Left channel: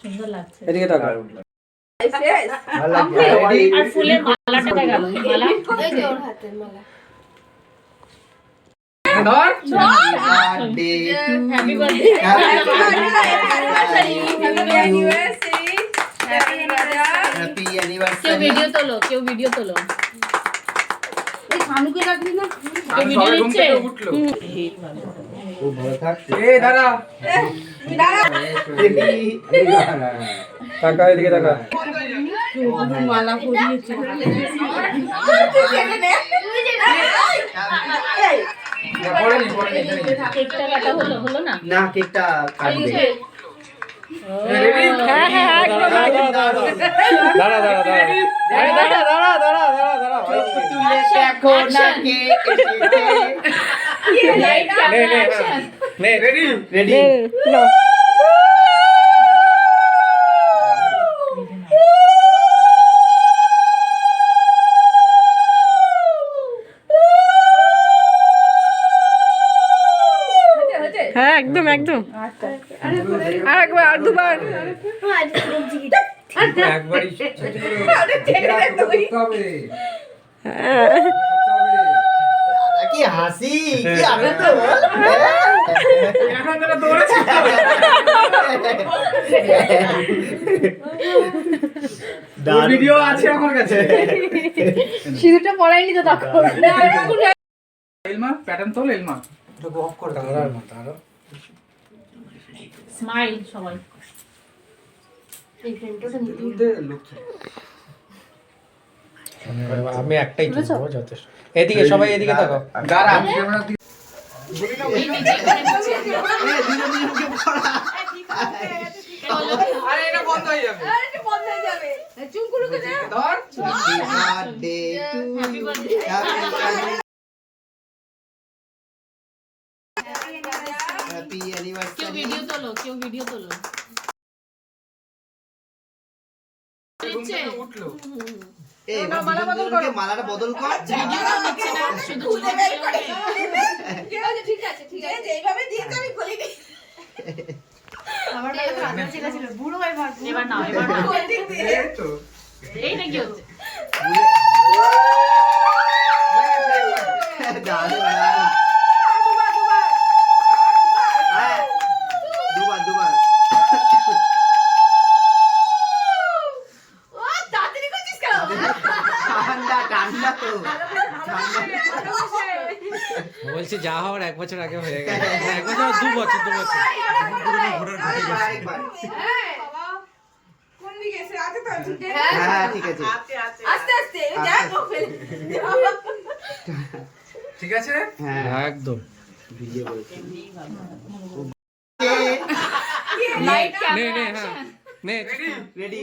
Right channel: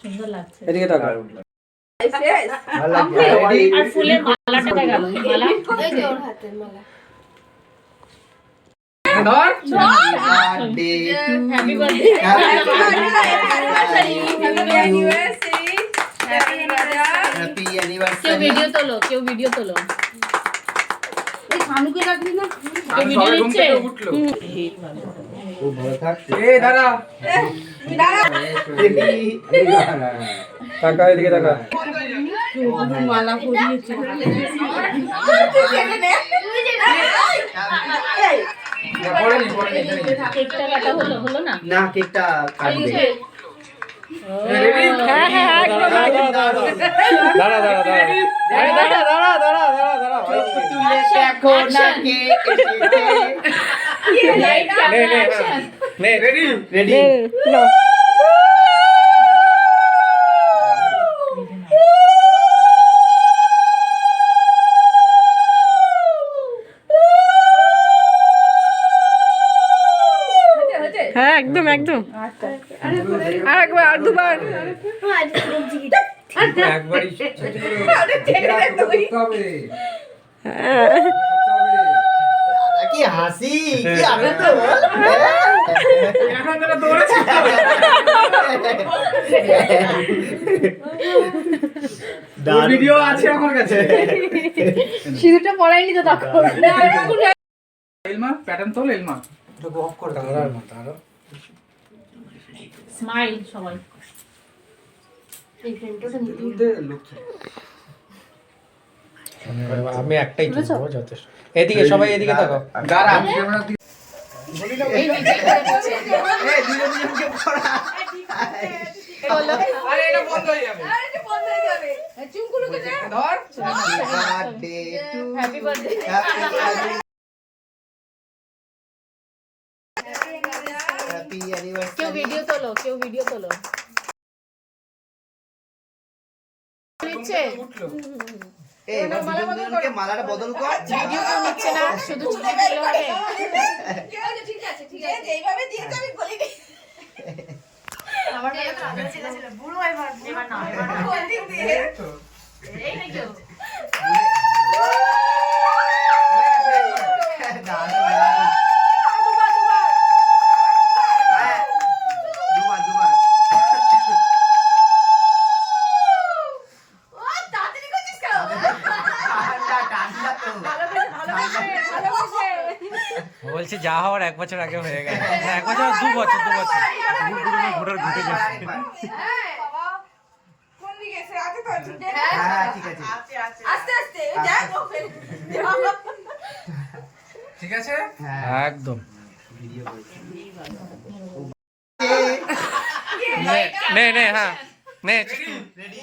সুন্দর লাগছে। এদিকে তাকাও। আর ফুলের মালাটা গেল, মালা এই যে ওর হাতের মালা। Happy birthday. কেউ ভিডিও তোলো, কেউ ভিডিও তোলো। এই শানুকে রাখবি না? কেউ ভিডিও নিচ্ছে? ও ভালো থাক। এই দাঁড়া। তাকা এদিকে তাকা। মালা পরিয়েছে। কেকটা কাটা হলো, হলো না? না কেকটা কাটবে। হ্যাঁ হ্যাঁ একদম। দাঁড়া দাঁড়া দাঁড়া। আরে দাঁড়া দাঁড়া দাঁড়া দাঁড়া দাঁড়া। তুলে দেখো না কে এসেছে। Light camera action. নে রেডি রেডি। হ্যাঁ একদম একদম। আরেকবার আর দুবার। একবারই কি হাসি কি আনন্দ বল। এখন তোরা দৌড়াচ্ছিস। ভিডিও আছে আমার কাছে। সিঁদুরটা পরাইনি তো তখন। এলমা প্যাটার্ন তোল এলমা। এটা অফ করে দাও। দাঁড়া দাঁড়া। স্মাইল সবাই। এই ফ্রেমটা তো নিতে দে লুক। আমি একটাই তুলবো যথেষ্ট। এদিকে সবাই এদিকে তাকাও। দাঁড়া আমি ক্যামেরা দিকে। এই নিচে করে নিচে। এই দুজন দুজনকে পড়া। আরে এটা বন্ধ হয়ে যাবে। চুমকুলুকে দে। ধর। Birthday to happy birthday. Happy anniversary. কেউ ভিডিও তোলো, কেউ ভিডিও তোলো। নিচ্ছে উঠলো। এই এবার দুজন দুজনকে মালাটা বদল কর। ভিডিও তো নিচ্ছে না, শুধু ছুটি দিলে হবে। ঠিক আছে ঠিক আছে। এইভাবে দিতে আমি বলিনি। আমার কাছে ভালো ছিল বুড়ো এবার। এবার নাও, এবার নাও। কোন দিক দিয়ে? এই তো। এই নাকি হচ্ছে? দারুণ, দারুণ। দুবার দুবার। ও তাড়াতাড়ি করছিস কেন? ঠান্ডা ঠান্ডা তো। বলছি যা হওয়ার 1 বছর আগে হয়ে গেছে। না 1 বছর 2 বছর 2 বছর। ঘুরে ঘুরে গেছে। বাবা কোন দিকে এসে আছে তো ঠিক আছে। হ্যাঁ ঠিক আছে। আস্তে আস্তে দেখ ও ফেলে। ঠিক আছে? হ্যাঁ একদম। ভিডিও করেছি। নে নে হ্যাঁ নে। রেডি